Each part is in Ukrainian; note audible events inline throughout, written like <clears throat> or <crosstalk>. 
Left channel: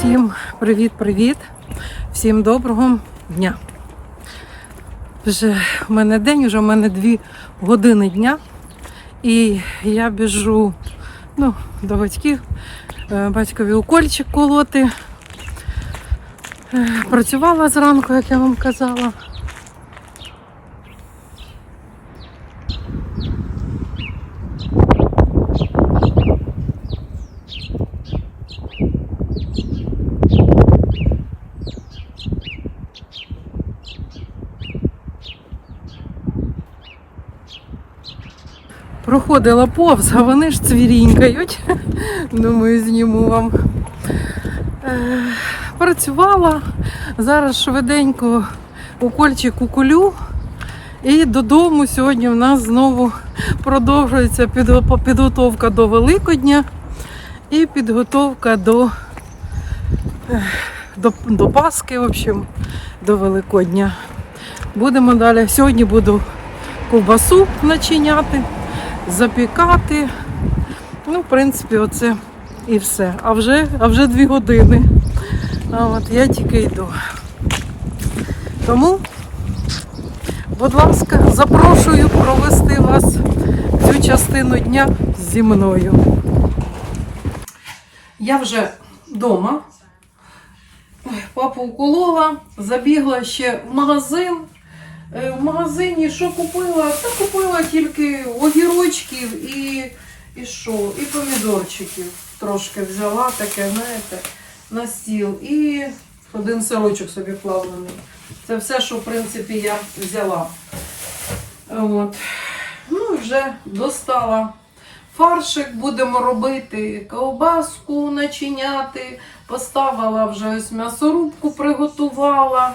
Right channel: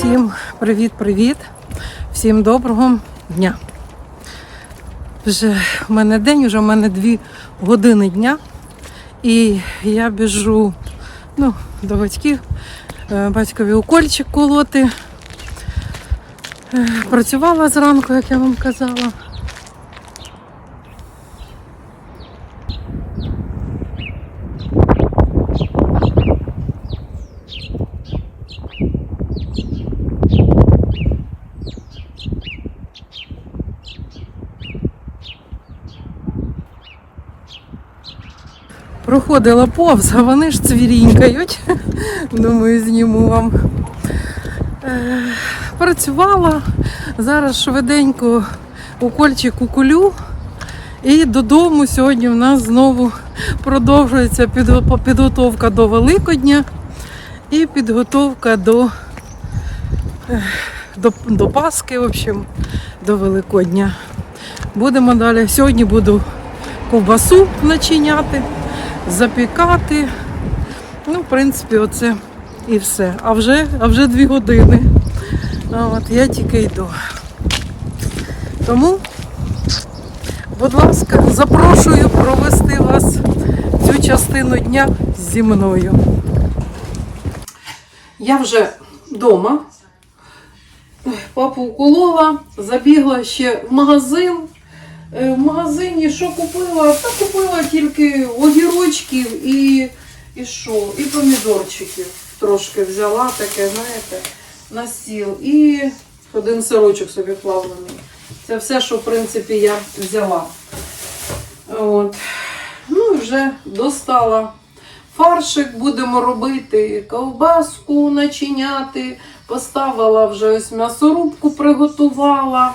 Всім привіт-привіт! Всім доброго дня. Вже в мене день, вже в мене дві години дня. І я біжу ну, до батьків, е, батькові укольчик колоти. Е, Працювала зранку, як я вам казала. Проходила повз, а вони ж цвірінькають. Думаю, зніму вам. Е, Працювала. Зараз швиденько укольчик уколю. І додому сьогодні в нас знову продовжується підготовка до Великодня і підготовка до, е, до, до Пасхи, в общем, до Великодня. Будемо далі. Сьогодні буду ковбасу начиняти, запікати. Ну, в принципі, оце і все. А вже, а вже дві години. А от я тільки йду. Тому, будь ласка, запрошую провести вас цю частину дня зі мною. Я вже вдома. Папу уколола, забігла ще в магазин. Е, В магазині що купила? Та купила тільки огірочків і, і що? І помідорчиків трошки взяла таке, знаєте, на стіл. І один сирочок собі плавлений. Це все, що в принципі я взяла. От. Ну вже достала фаршик, будемо робити ковбаску начиняти. Поставила вже ось м'ясорубку, приготувала.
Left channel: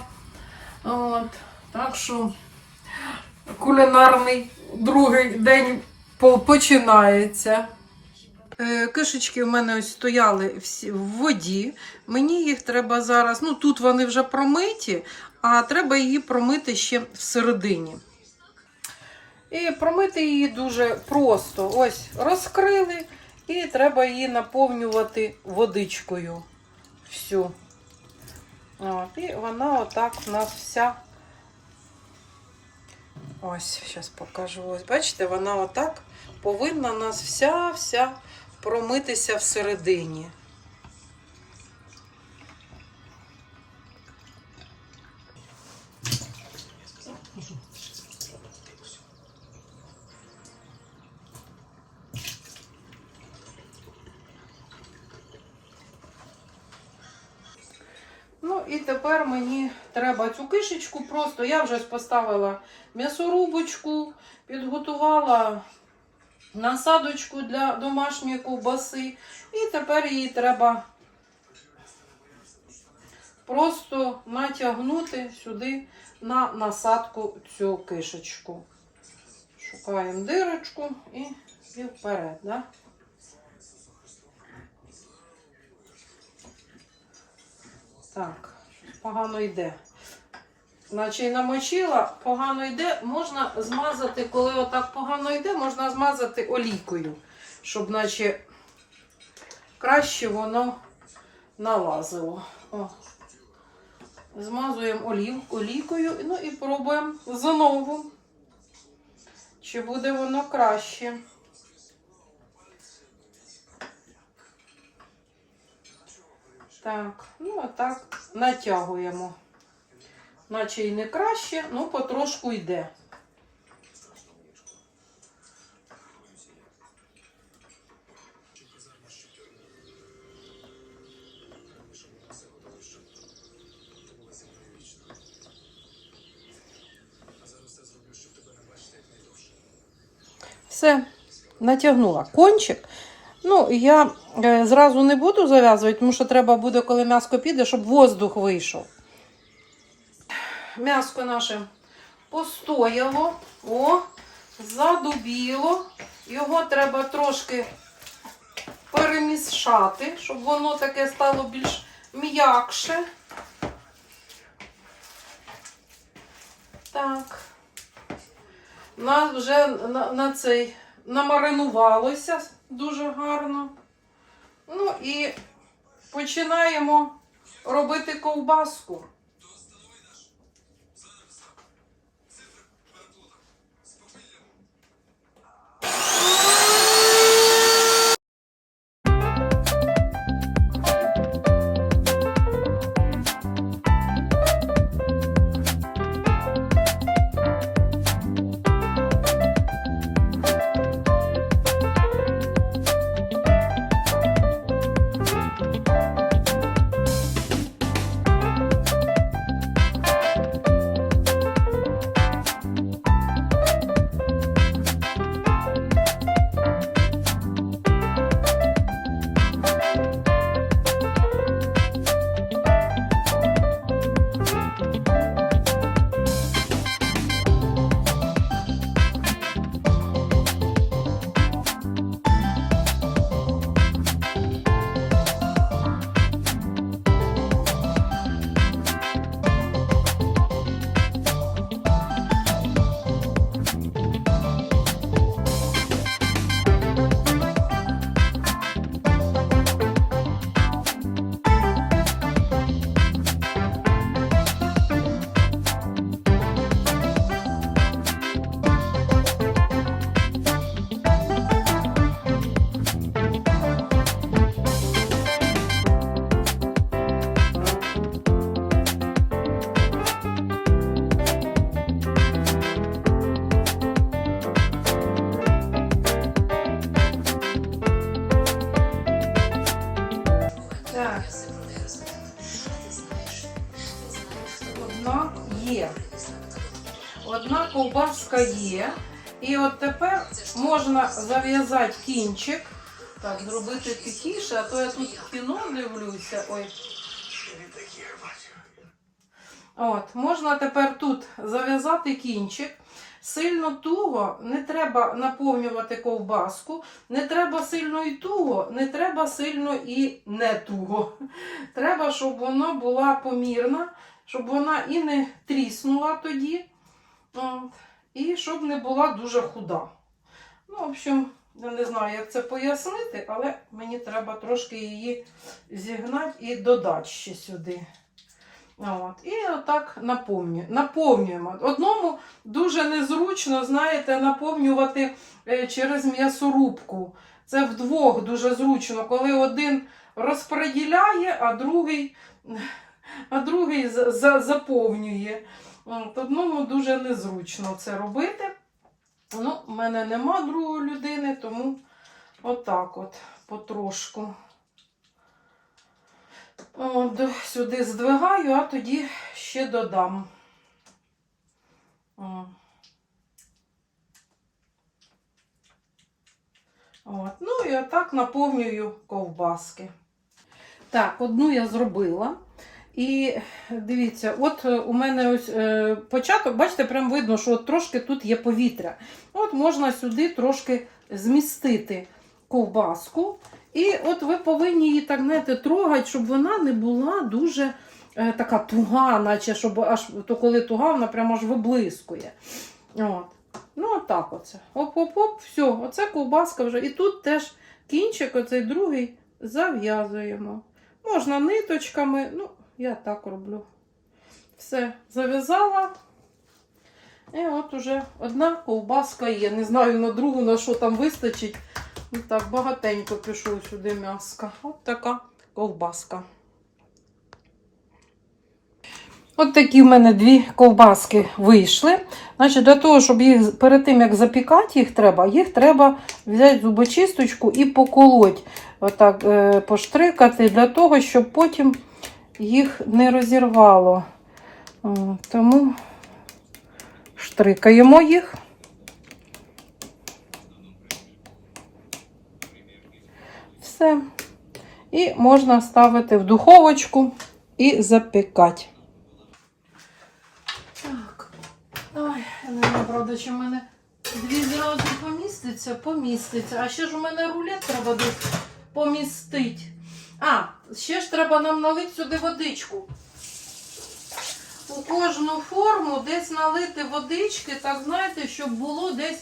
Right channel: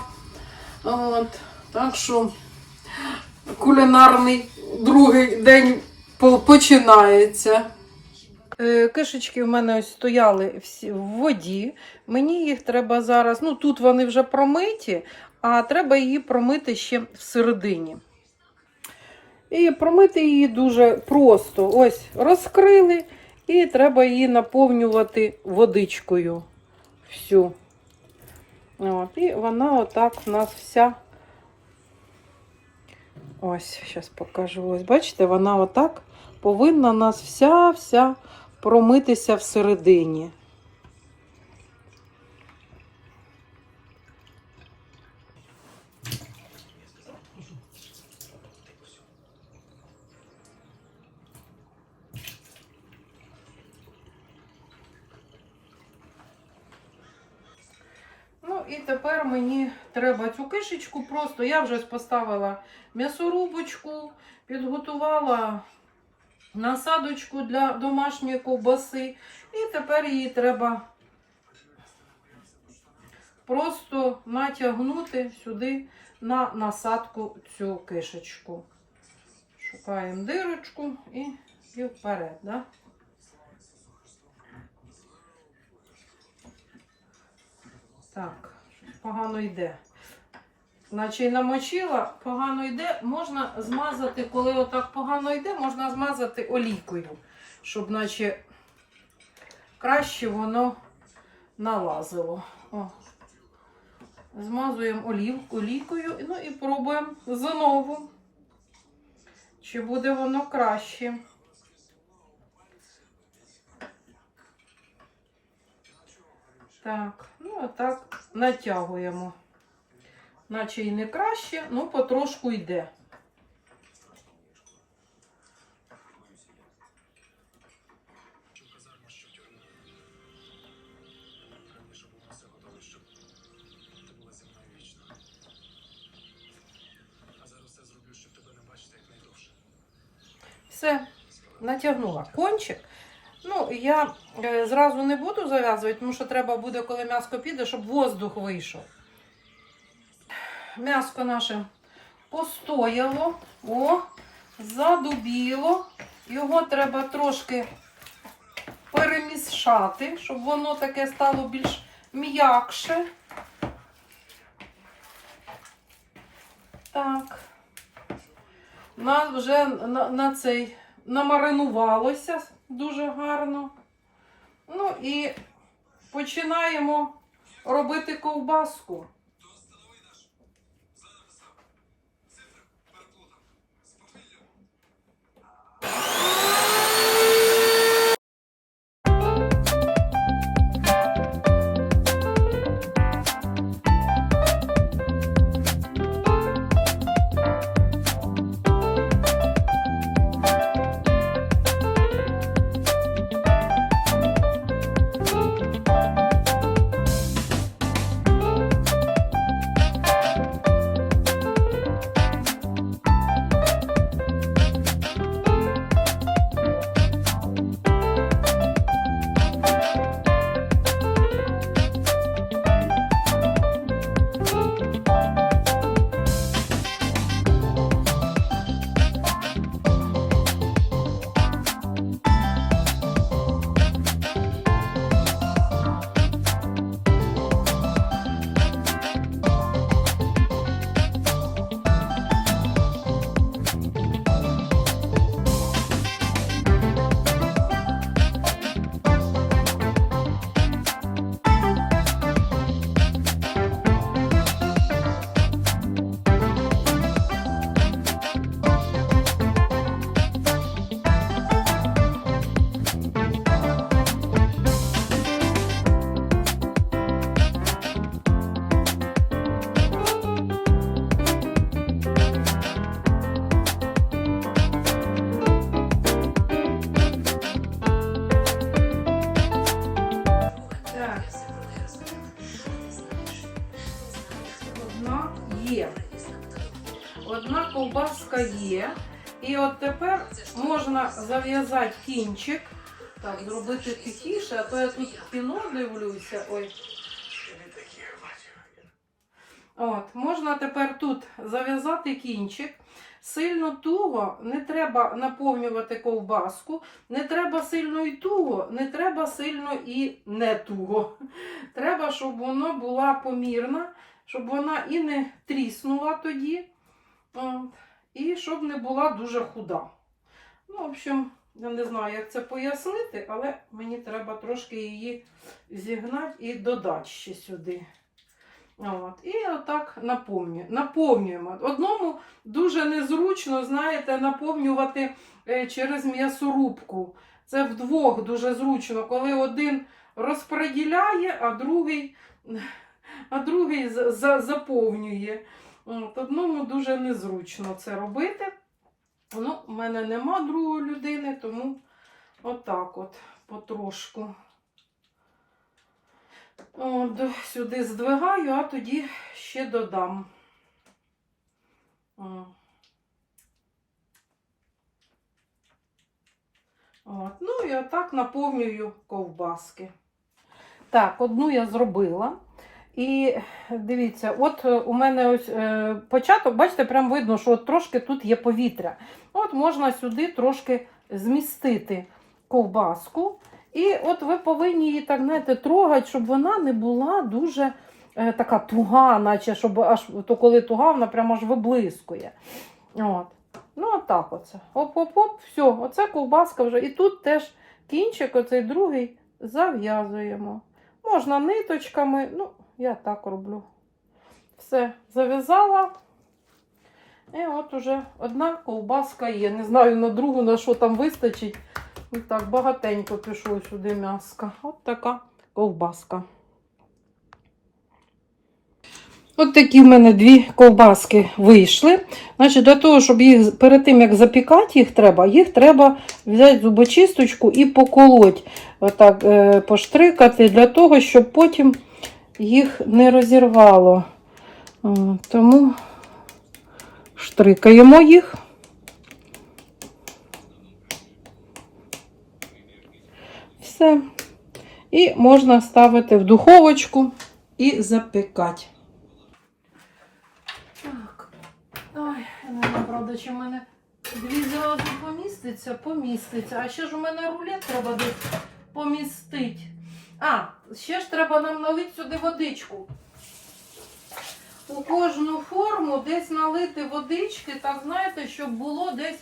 От. Так що кулінарний другий день починається. Е, Кишечки в мене ось стояли всі в воді. Мені їх треба зараз. Ну тут вони вже промиті, а треба її промити ще всередині. І промити її дуже просто. Ось розкрили, і треба її наповнювати водичкою. Всю. І вона отак у нас вся. Ось, зараз покажу. Ось, бачите, вона отак повинна нас вся-вся промитися всередині. Мені треба цю кишечку просто. Я вже поставила м'ясорубочку, підготувала насадочку для домашньої ковбаси. І тепер її треба просто натягнути сюди на насадку цю кишечку. Шукаємо дирочку і, і вперед. Да? Так, погано йде. Й намочила, погано йде, можна змазати, коли отак погано йде, можна змазати олійкою, щоб наче краще воно налазило. О. Змазуємо олів, олійкою, ну і пробуємо знову, чи буде воно краще. Так, ну отак натягуємо. Наче і не краще, ну потрошку йде. Все, натягнула кончик. Ну, я е, зразу не буду зав'язувати, тому що треба буде, коли м'яско піде, щоб воздух вийшов. М'яско наше постояло, о, задубіло. Його треба трошки перемішати, щоб воно таке стало більш м'якше. Так. На, вже на, на цей намаринувалося дуже гарно. Ну і починаємо робити ковбаску. Так. Можна зав'язати кінчик. Так, зробити тихіше, а то я тут кіно дивлюся. Ой. От, можна тепер тут зав'язати кінчик. Сильно туго не треба наповнювати ковбаску, не треба сильно і туго, не треба сильно і не туго. Треба, щоб вона була помірна, щоб вона і не тріснула тоді, і щоб не була дуже худа. Ну, в общем, я не знаю, як це пояснити, але мені треба трошки її зігнати і додати ще сюди. От. І отак наповнюємо. Одному дуже незручно, знаєте, наповнювати е, через м'ясорубку. Це вдвох дуже зручно, коли один розподіляє, а другий, а другий за- за- заповнює. От, Одному дуже незручно це робити. Ну, в мене нема другої людини, тому отак от потрошку. От, сюди здвигаю, а тоді ще додам. От. Ну і отак наповнюю ковбаски. Так, одну я зробила. І дивіться, от е, у мене ось е, початок, бачите, прям видно, що от трошки тут є повітря. От можна сюди трошки змістити ковбаску. І от ви повинні її так знаєте, трогати, щоб вона не була дуже е, така туга, наче щоб аж то коли туга, вона прямо аж виблискує. От. Ну, отак оце. Оп-оп-оп, все, оце ковбаска вже. І тут теж кінчик, оцей другий, зав'язуємо. Можна ниточками, ну, я так роблю. Все, зав'язала. І от уже одна ковбаска є. Не знаю на другу, на що там вистачить. Ну так, багатенько пішло сюди м'яска. От така ковбаска. От такі в мене дві ковбаски вийшли. Значить, Для того, щоб їх перед тим, як запікати їх треба, їх треба взяти зубочисточку і поколоть, отак е, поштрикати, для того, щоб потім їх не розірвало. Тому штрикаємо їх. Все. І можна ставити в духовочку і запікати. Так. Ой, не правда, чи в мене дві зразу поміститься, поміститься. А ще ж у мене рулет треба помістити. А, ще ж треба нам налити сюди водичку. У кожну форму десь налити водички, так знаєте, щоб було десь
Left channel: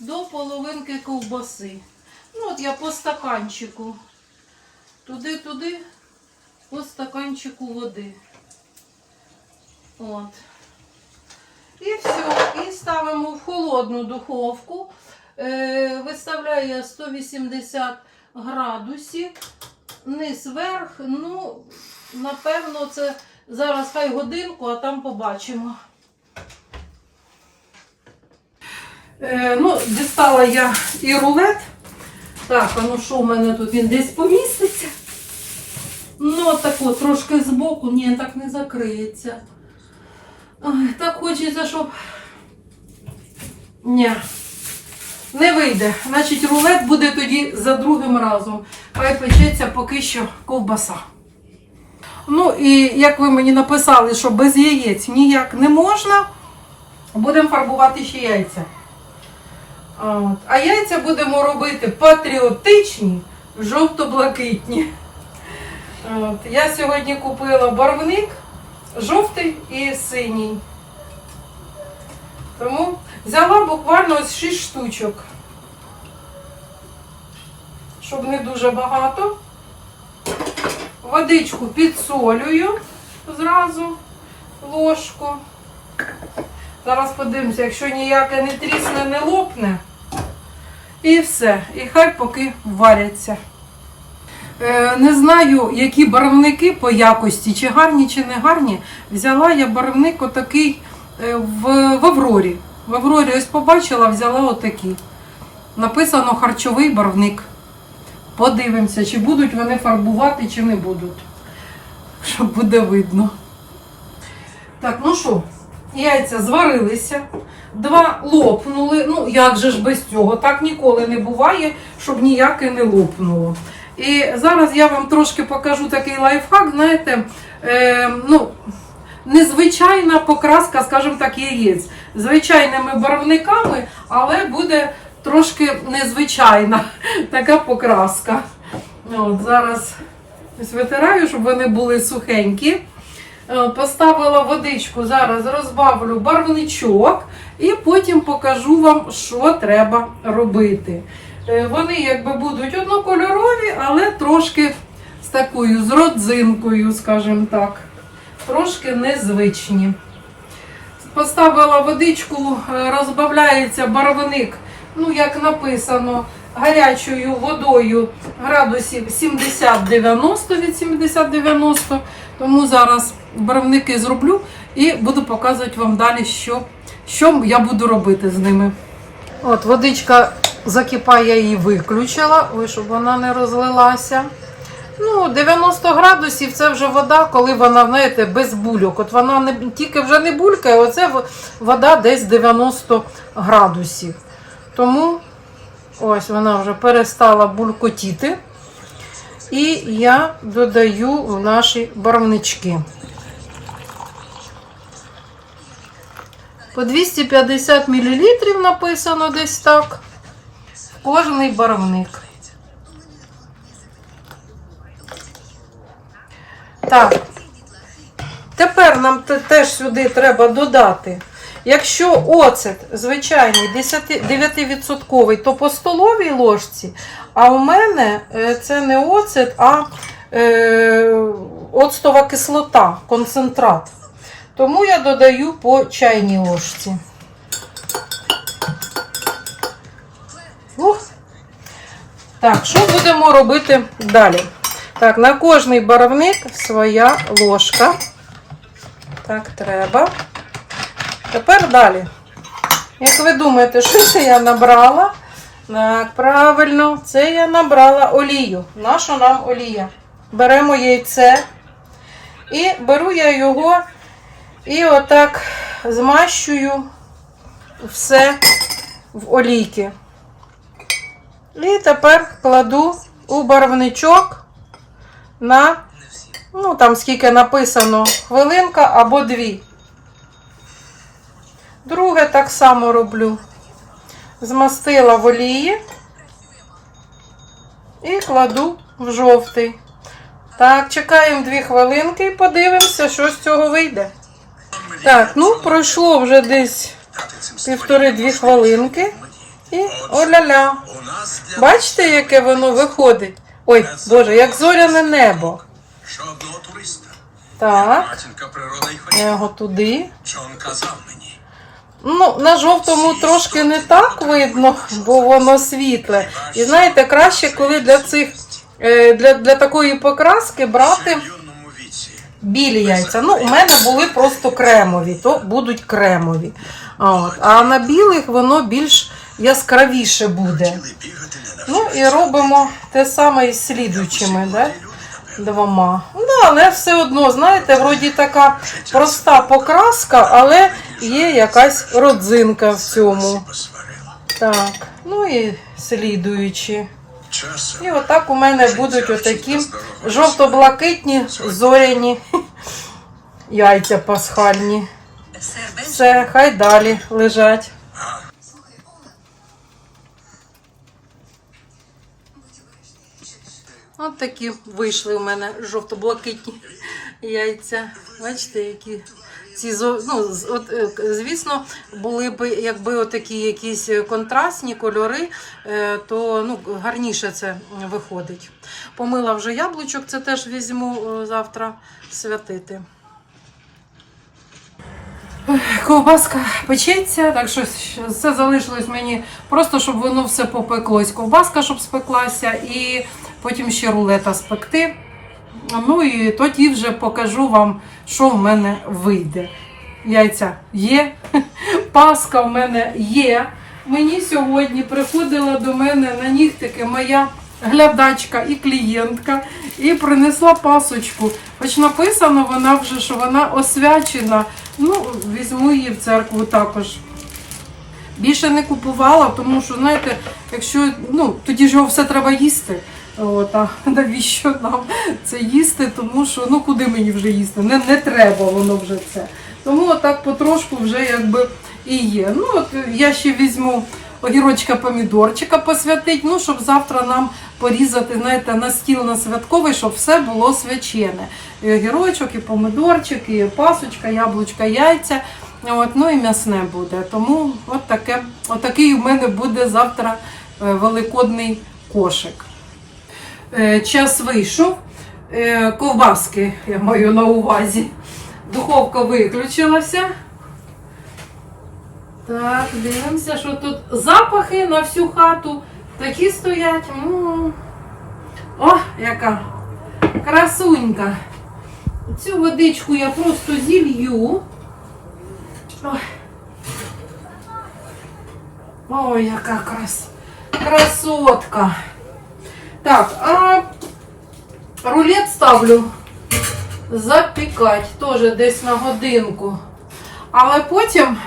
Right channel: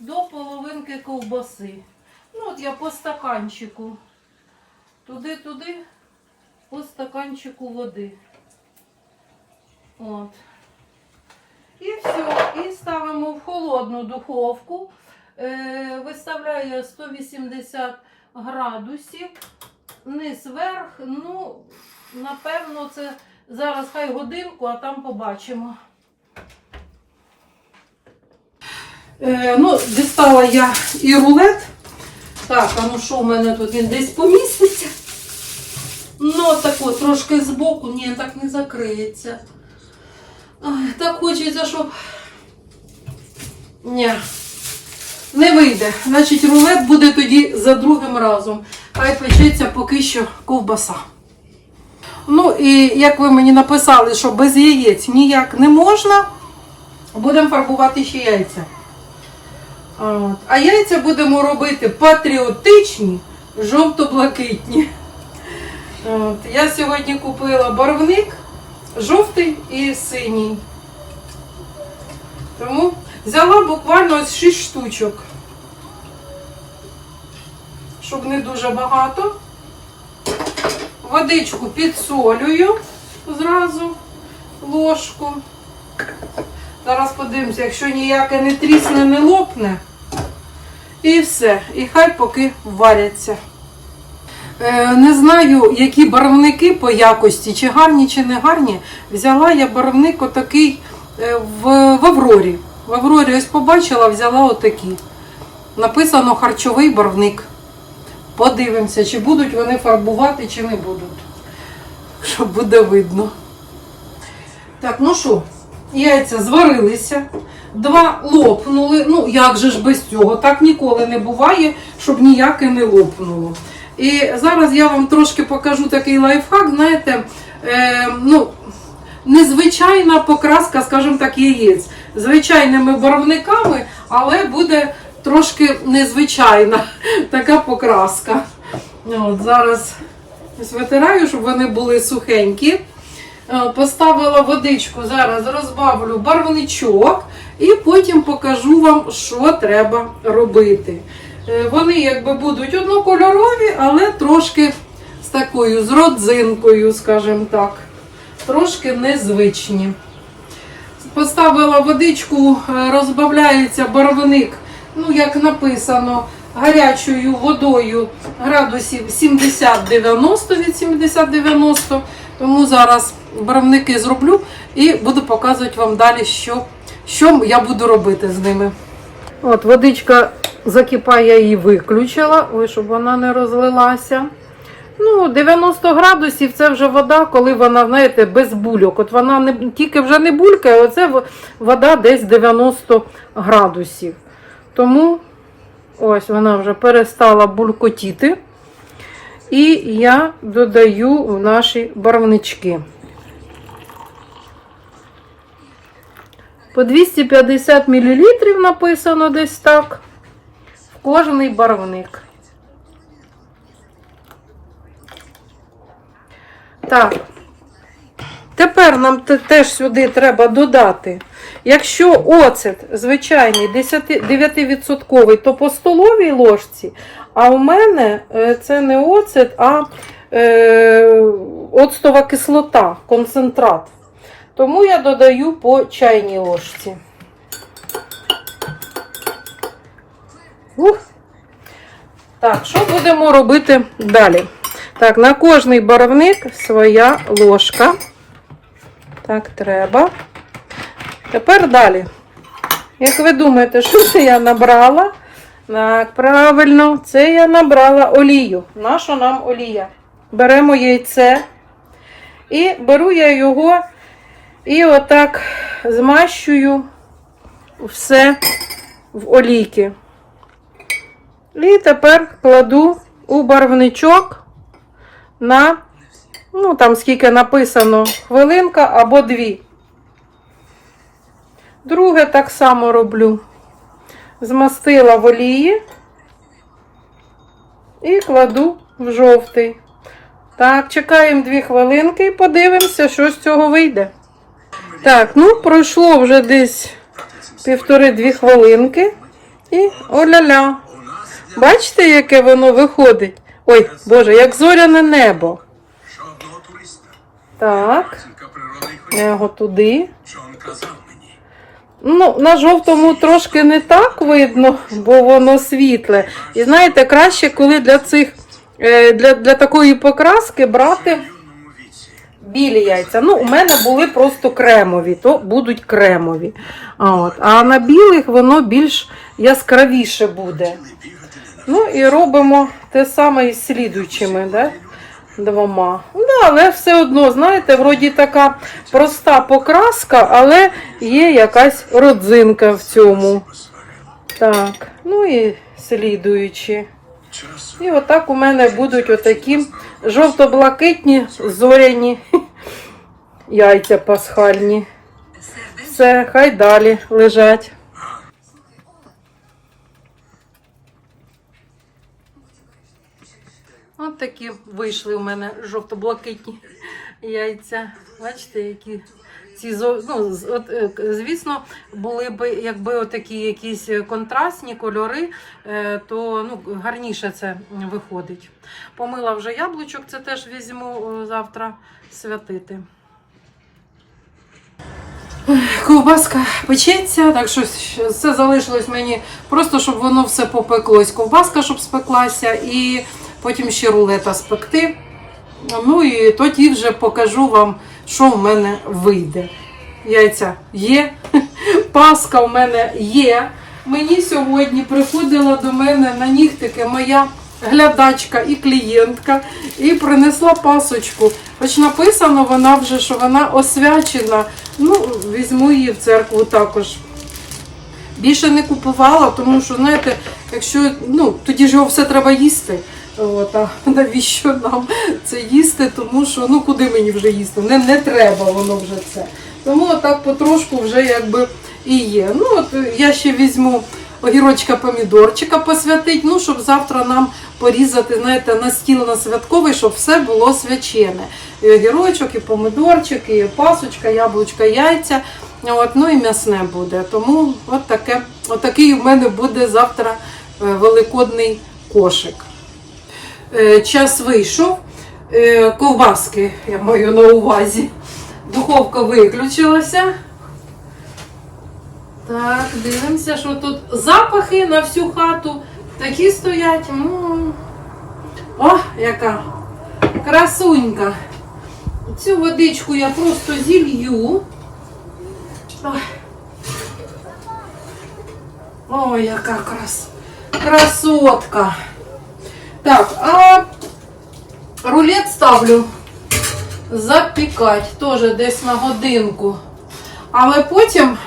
до половинки ковбаси. Ну, от я по стаканчику. Туди-туди по стаканчику води. От. І все. І ставимо в холодну духовку. Е, виставляє 180 градусів. Низ вверх. Ну, напевно, це зараз хай годинку, а там побачимо. Е, ну, дістала я і рулет. Так, а ну що в мене тут він десь поміститься? Ну, тако, трошки збоку, ні, так не закриється. Ой, так хочеться, щоб. Ні, не вийде. Значить, рулет буде тоді за другим разом. Хай печеться поки що ковбаса. Ну, і як ви мені написали, що без яєць ніяк не можна, будемо фарбувати ще яйця. А яйця будемо робити патріотичні, жовто-блакитні. Я сьогодні купила барвник жовтий і синій. Тому взяла буквально ось 6 штучок. Щоб не дуже багато. Водичку підсолюю зразу ложку. Зараз подивимося, якщо ніяке не трісне, не лопне. І все. І хай поки варяться. Е, не знаю, які барвники по якості, чи гарні, чи не гарні. Взяла я барвник отакий е, в, в Аврорі. В Аврорі ось побачила, взяла отакий. Написано харчовий барвник. Подивимося, чи будуть вони фарбувати, чи не будуть. Щоб буде видно. Так, ну що, яйця зварилися, два лопнули. Ну, як же ж без цього? Так ніколи не буває, щоб ніяке не лопнуло. І зараз я вам трошки покажу такий лайфхак, знаєте, е, ну, незвичайна покраска, скажімо так, яєць. Звичайними барвниками, але буде трошки незвичайна <laughs> така покраска. От, зараз витираю, щоб вони були сухенькі. Е, Поставила водичку, зараз розбавлю барвничок і потім покажу вам, що треба робити. Е, Вони якби будуть однокольорові, але трошки з такою з родзинкою, скажімо так. Трошки незвичні. Поставила водичку, е, розбавляється барвник, ну як написано, гарячою водою градусів 70-90 від 70-90. Тому зараз барвники зроблю і буду показувати вам далі, що, що я буду робити з ними. От водичка закипає, я її виключила, ой, щоб вона не розлилася. Ну, 90 градусів це вже вода, коли вона, знаєте, без бульок. От вона не тільки вже не булькає, оце вода десь 90 градусів. Тому ось вона вже перестала булькотіти. І я додаю в наші барвнички. По 250 мл написано десь так. Кожний барвник. Так. Тепер нам теж сюди треба додати. Якщо оцет звичайний 9%, то по столовій ложці, а у мене е, це не оцет, а е, оцтова кислота, концентрат. Тому я додаю по чайній ложці. Ух. Так, що будемо робити далі? Так, на кожний барвник своя ложка. Так, треба. Тепер далі. Як ви думаєте, що це я набрала? Так, правильно, це я набрала олію. Наша нам олія. Беремо яйце. І беру я його і отак змащую все в олійки. І тепер кладу у барвничок на, ну там скільки написано, хвилинка або дві. Друге так само роблю. Змастила в олії і кладу в жовтий. Так, чекаємо дві хвилинки і подивимося, що з цього вийде. Так, ну пройшло вже десь півтори-дві хвилинки. І оля-ля. Бачите, яке воно виходить? Ой, Боже, як зоряне небо. Так, я його туди. Ну, на жовтому трошки не так видно, бо воно світле. І знаєте, краще, коли для цих е, для, для такої покраски брати білі яйця. Ну, у мене були просто кремові, то будуть кремові. От. А на білих воно більш яскравіше буде. Ну і робимо те саме із слідуючими, да? Двома. Ну, але все одно, знаєте, вроді така проста покраска, але є якась родзинка в цьому. Так, ну і слідуючі. І отак у мене будуть отакі жовто-блакитні зоряні <laughs> яйця пасхальні. Все, хай далі лежать. От такі вийшли у мене жовто-блакитні яйця. Бачите, які ці ну, от, е, звісно, були б якби отакі якісь контрастні кольори, е, то ну, гарніше це виходить. Помила вже яблучок, це теж візьму е, завтра святити. Ковбаска печеться, так що це залишилось мені просто, щоб воно все попеклось. Ковбаска, щоб спеклася, і потім ще рулета спекти. Ну і тоді вже покажу вам, що в мене вийде. Яйця є, <laughs> паска в мене є. Мені сьогодні приходила до мене на нігтики моя глядачка і клієнтка і принесла пасочку. Хоч написано вона вже, що вона освячена. Ну, візьму її в церкву також. Більше не купувала, тому що, знаєте, якщо ну, тоді ж його все треба їсти. От, а навіщо нам це їсти? Тому що ну куди мені вже їсти? Не, не треба воно вже це. Тому отак потрошку вже якби і є. Ну от я ще візьму огірочка помідорчика посвятить, ну щоб завтра нам порізати, знаєте, на стіл на святковий, щоб все було свячене. І огірочок, і помидорчик, і пасочка, яблучка, яйця. От, ну і м'ясне буде. Тому от таке, от такий у мене буде завтра е, великодний кошик. Е, Час вийшов. Е, Ковбаски я маю на увазі. Духовка виключилася. Так, дивимося, що тут запахи на всю хату такі стоять. М. О, яка красунька. Цю водичку я просто зілью. Ой, яка крас... красотка. Так, а рулет ставлю запікати теж десь на годинку. Але потім,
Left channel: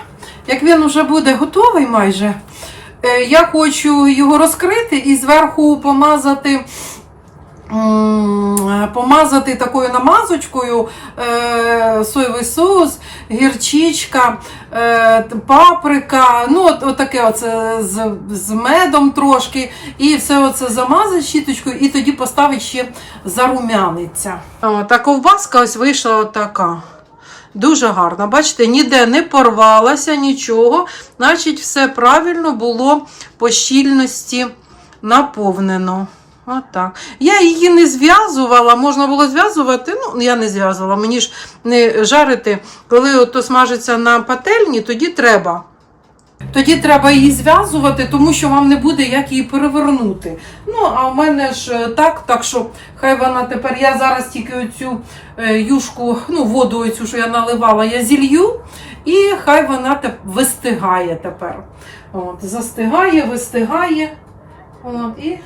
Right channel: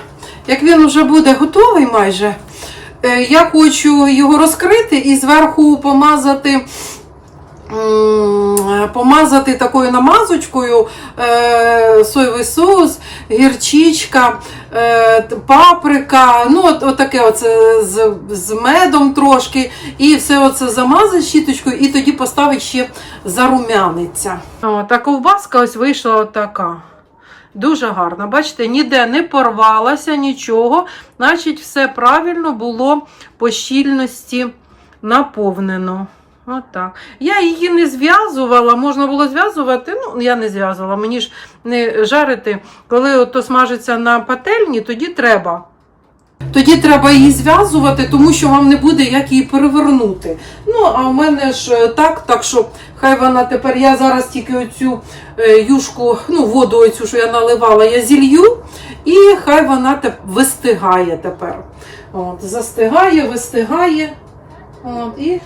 як він вже буде готовий майже, е, я хочу його розкрити і зверху помазати. Помазати такою намазочкою е, соєвий соус, гірчичка, е, паприка, ну от, от таке оце з, з медом трошки, і все оце замазати щіточкою, і тоді поставить ще зарумяниться. О, та ковбаска ось вийшла така. Дуже гарна. Бачите, ніде не порвалася нічого, значить, все правильно було по щільності наповнено. Отак. Я її не зв'язувала, можна було зв'язувати, ну я не зв'язувала, мені ж не жарити. Коли ото смажиться на пательні, тоді треба. Тоді треба її зв'язувати, тому що вам не буде як її перевернути. Ну, а в мене ж е, так, так що хай вона тепер, я зараз тільки оцю е, юшку, ну, воду оцю, що я наливала, я зілью, і хай вона теп- вистигає тепер. От, застигає, вистигає. От, і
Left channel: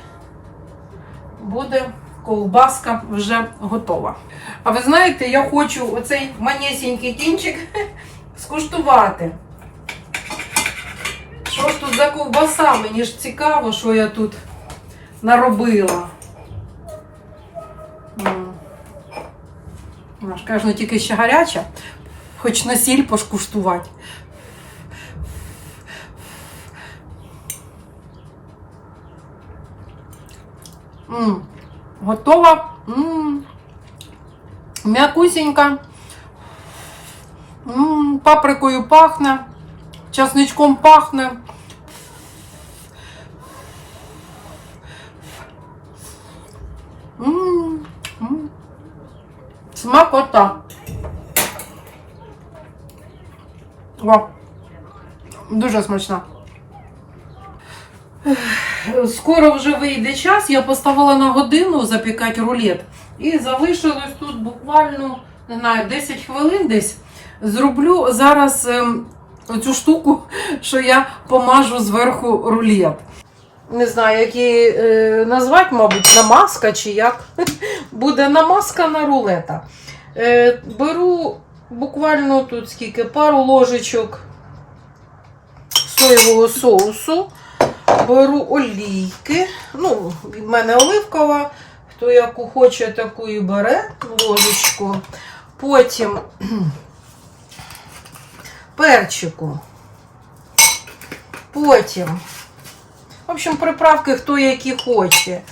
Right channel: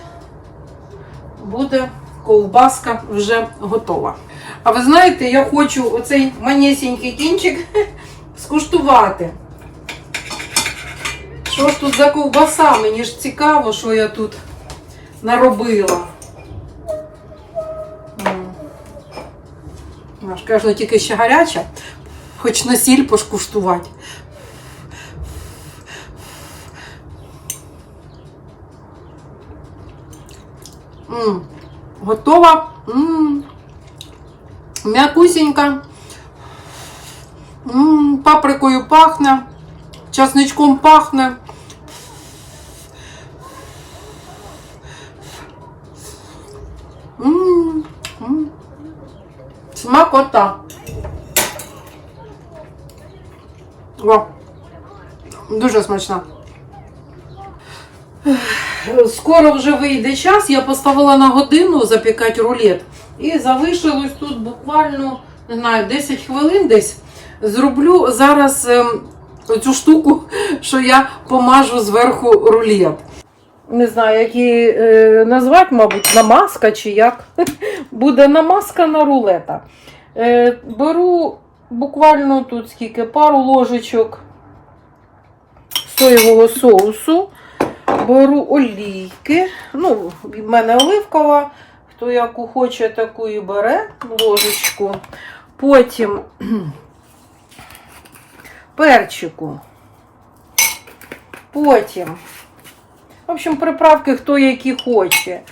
буде ковбаска вже готова. А ви знаєте, я хочу оцей манесенький кінчик <laughs> скуштувати. Що ж тут за ковбаса? Мені ж цікаво, що я тут наробила. Вона ж, Конечно, тільки ще гаряча, хоч на сіль пошкуштувати. М -м. Готова. М'якусінька. Паприкою пахне, часничком пахне. М -м -м. Смакота. О, дуже смачна. Скоро вже вийде час, я поставила на годину запікати рулет. І залишилось тут буквально, не знаю, 10 хвилин десь. Зроблю зараз ем, цю штуку, <laughs> що я помажу зверху рулет. Не знаю, як її е, назвати, мабуть, намазка чи як. <laughs> Буде намазка на рулета. Е, беру буквально тут скільки пару ложечок соєвого соусу. Беру олійки. Ну, від мене оливкова. Хто яку хоче, таку і бере ложечку. Потім <clears throat> перчику. Потім. В общем, приправки хто які хоче.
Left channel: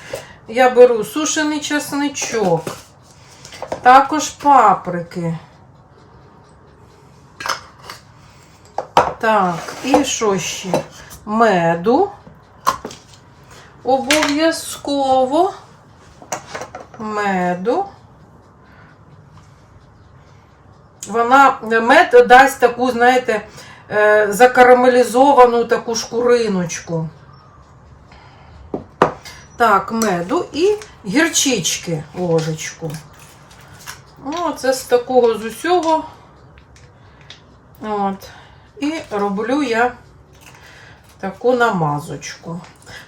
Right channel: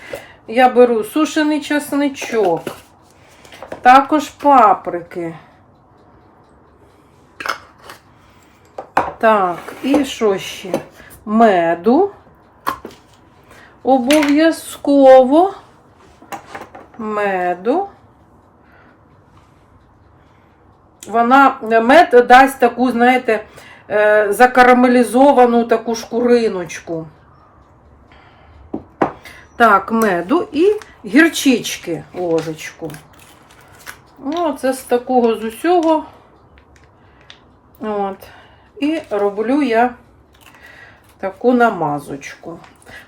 Я беру сушений чесничок, також паприки. Так, і що ще? Меду. Обов'язково меду. Вона мед дасть таку, знаєте, е, закарамелізовану таку шкуриночку. Так, меду і гірчички ложечку. Ну, це з такого з усього. От. І роблю я таку намазочку.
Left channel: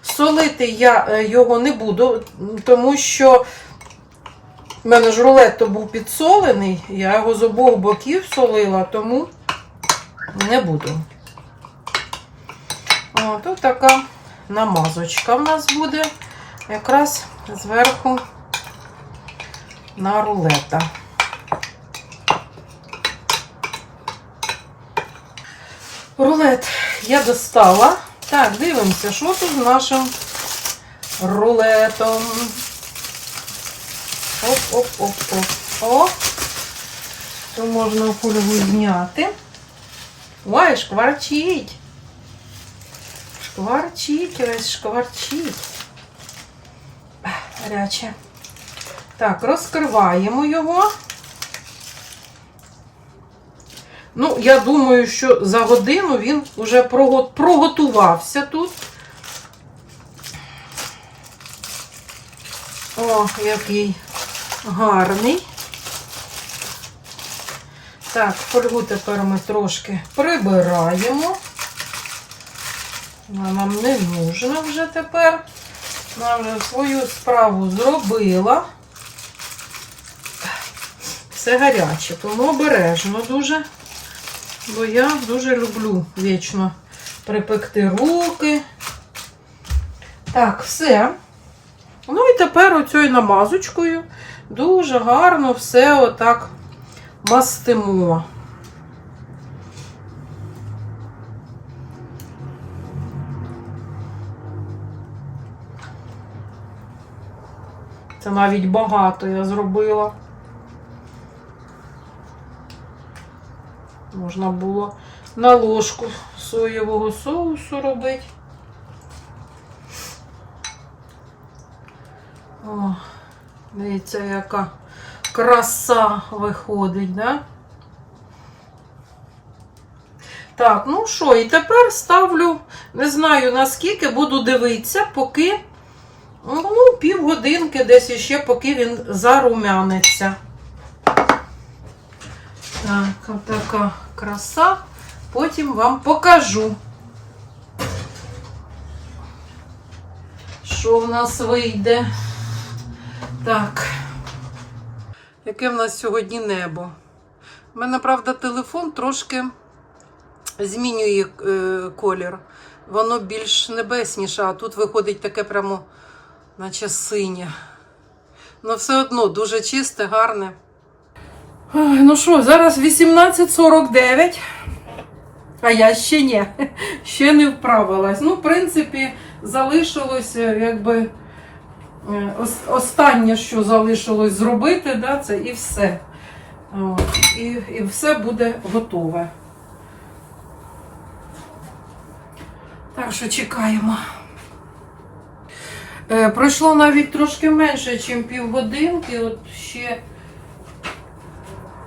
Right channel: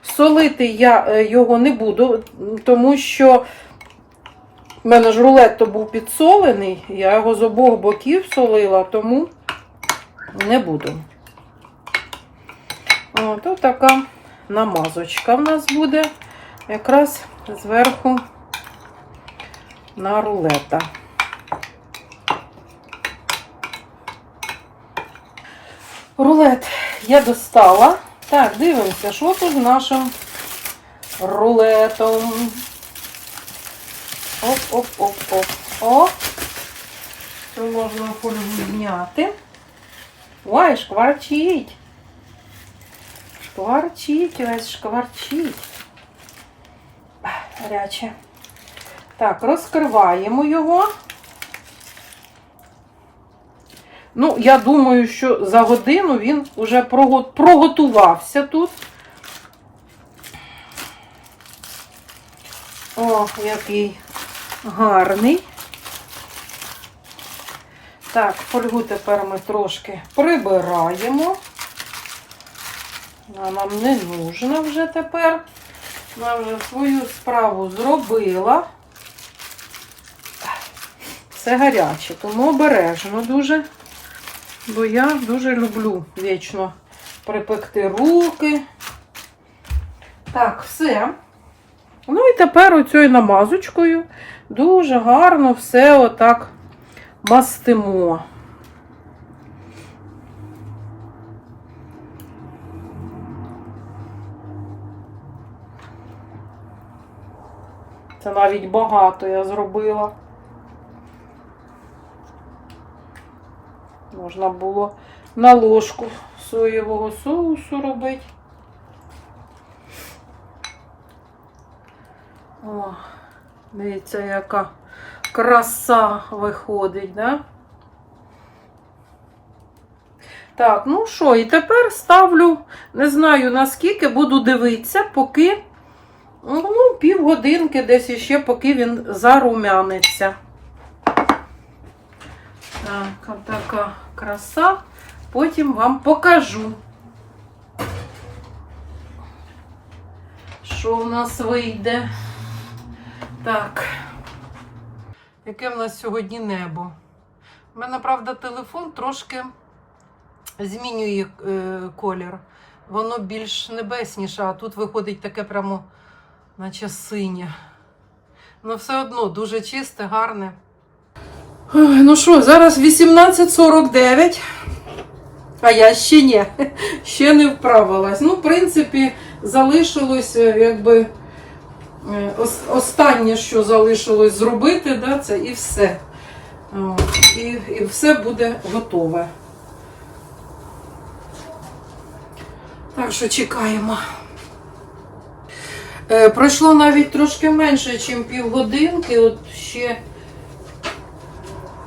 Солити я е, його не буду, тому що в мене ж рулет то був підсолений, я його з обох боків солила, тому не буду. О, тут така намазочка в нас буде якраз зверху на рулета. Рулет я достала. Так, дивимося, що тут з нашим рулетом. Оп-оп-оп-оп. О! Це можна фольгу зняти. Ой, шкварчить. Шкварчить, весь шкварчить. Гаряче. Так, розкриваємо його. Ну, я думаю, що за годину він вже проготувався тут. О, який гарний. Так, фольгу тепер ми трошки прибираємо. Вона нам не нужна вже тепер. Вона вже свою справу зробила. Все гаряче, тому обережно дуже. Бо я дуже люблю вічно припекти руки. Так, все. Ну і тепер оцею намазочкою дуже гарно все отак мастимо. Це навіть багато я зробила. Можна було на ложку соєвого соусу робити. О, дивіться, яка краса виходить, да? Так, ну що, і тепер ставлю, не знаю наскільки, буду дивитися, поки ну, півгодинки десь іще, поки він зарумяниться. Так, отака краса. Потім вам покажу, що в нас вийде. Так. Яке в нас сьогодні небо? У мене, правда, телефон трошки змінює е, колір. Воно більш небесніше, а тут виходить таке прямо, наче синє. Ну, все одно дуже чисте, гарне. Ой, Ну що, зараз 18.49, а я ще ні, ще не вправилась. Ну, в принципі, залишилось е, якби е, останнє, що залишилось зробити, да, це і все. І, і все буде готове. Так що чекаємо. Е, пройшло навіть трошки менше, ніж півгодинки. От ще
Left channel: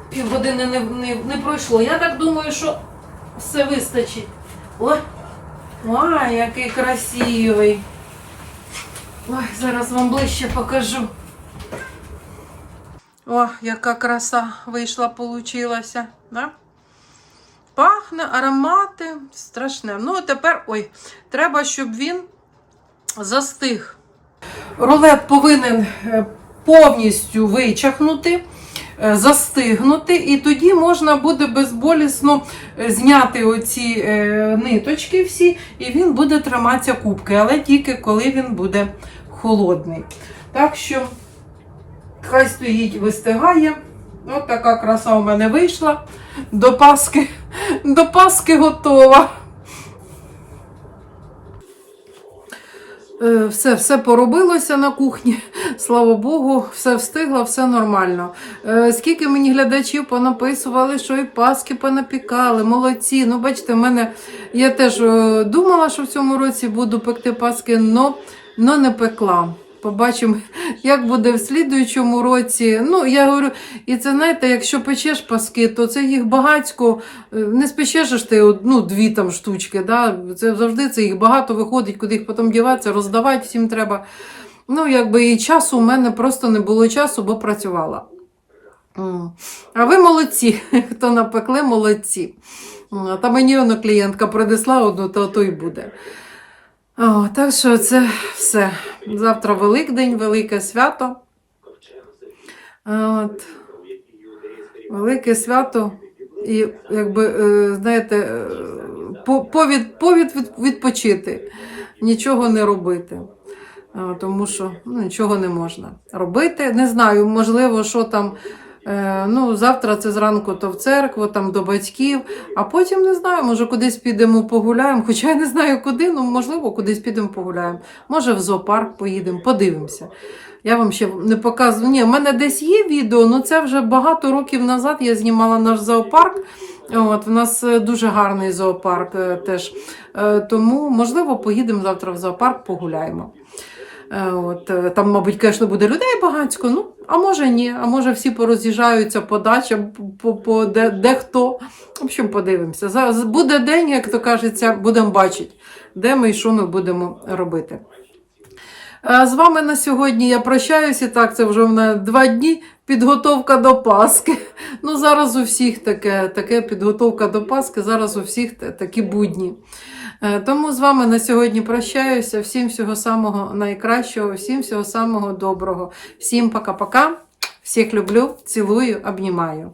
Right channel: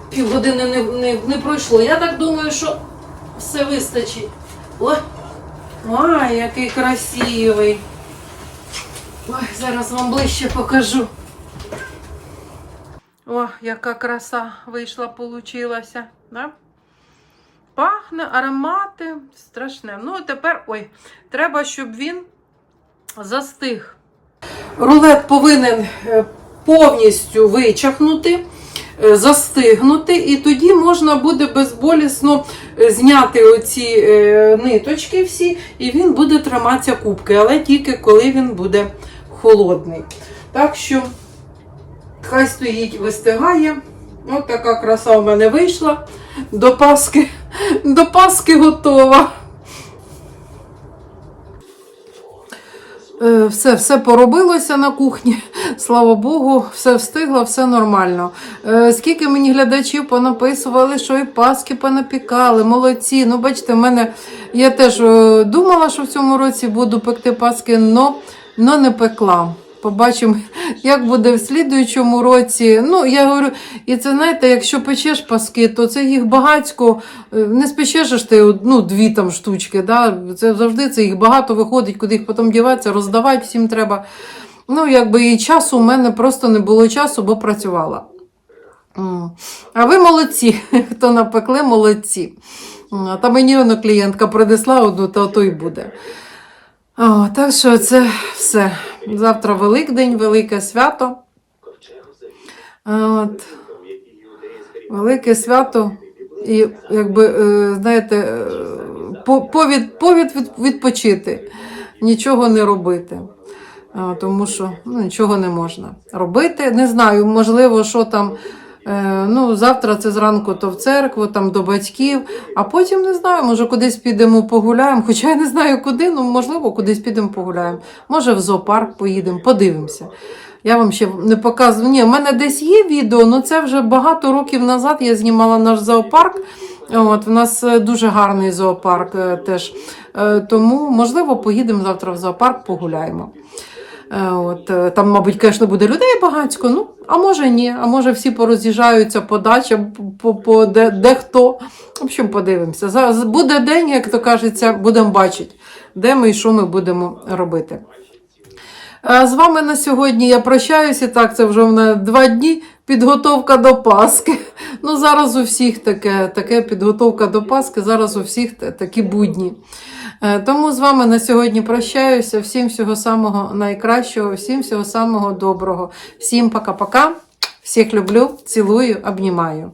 півгодини не, не, не пройшло. Я так думаю, що все вистачить. Ой, ой, який красивий. Ой, зараз вам ближче покажу. О, яка краса вийшла, получилася. Да? Пахне, аромати, страшне. Ну, тепер, ой, треба, щоб він застиг. Рулет повинен е, повністю вичахнути, застигнути, і тоді можна буде безболісно е, зняти оці е, ниточки всі, і він буде триматися кубки, але тільки коли він буде холодний. Так що хай стоїть, вистигає. Ось така краса у мене вийшла. До Паски, до Паски готова. Все, все поробилося на кухні. <laughs> Слава Богу, все встигло, все нормально. Е, Скільки мені глядачів понаписували, що і паски понапікали, молодці. Ну, бачите, в мене я теж е, думала, що в цьому році буду пекти паски, но, но не пекла. Побачимо, як буде в слідуючому році. Ну, я говорю, і це знаєте, якщо печеш паски, то це їх багацько. Е, Не спечеш ти одну, дві там штучки. Да? Це завжди це їх багато виходить, куди їх потім діватися, роздавати всім треба. Ну, якби і часу у мене просто не було часу, бо працювала. А ви молодці, <laughs> хто напекли, молодці. Та мені воно клієнтка принесла одну, то то й буде. О, так що це все. Завтра Великдень, велике свято. От. Велике свято. І, якби, е, знаєте, е, повід, повід відпочити, нічого не робити. Тому що ну, нічого не можна робити. Не знаю, можливо, що там. Е, Ну, завтра це зранку то в церкву, там до батьків, а потім не знаю, може кудись підемо погуляємо. Хоча я не знаю куди, ну можливо, кудись підемо погуляємо. Може, в зоопарк поїдемо, подивимося. Я вам ще не показую. Ні, в мене десь є відео, але це вже багато років назад я знімала наш зоопарк. От, у нас е, дуже гарний зоопарк е, теж. Тому, можливо, поїдемо завтра в зоопарк, погуляємо. Е, От, е, там, мабуть, звісно, буде людей багатько, ну, а може ні, а може всі пороз'їжджаються по дачам, по, по де, де хто. В общем, подивимося. Зараз буде день, як то кажеться, будемо бачити, де ми і що ми будемо робити. Е, З вами на сьогодні я прощаюся. Так, це вже в два дні підготовка до Пасхи. Ну, зараз у всіх таке, таке підготовка до Пасхи, зараз у всіх такі будні. Е, Тому з вами на сьогодні прощаюся. Всім всього самого найкращого, всім всього самого доброго. Всім пока-пока. Всіх люблю, цілую, обнімаю.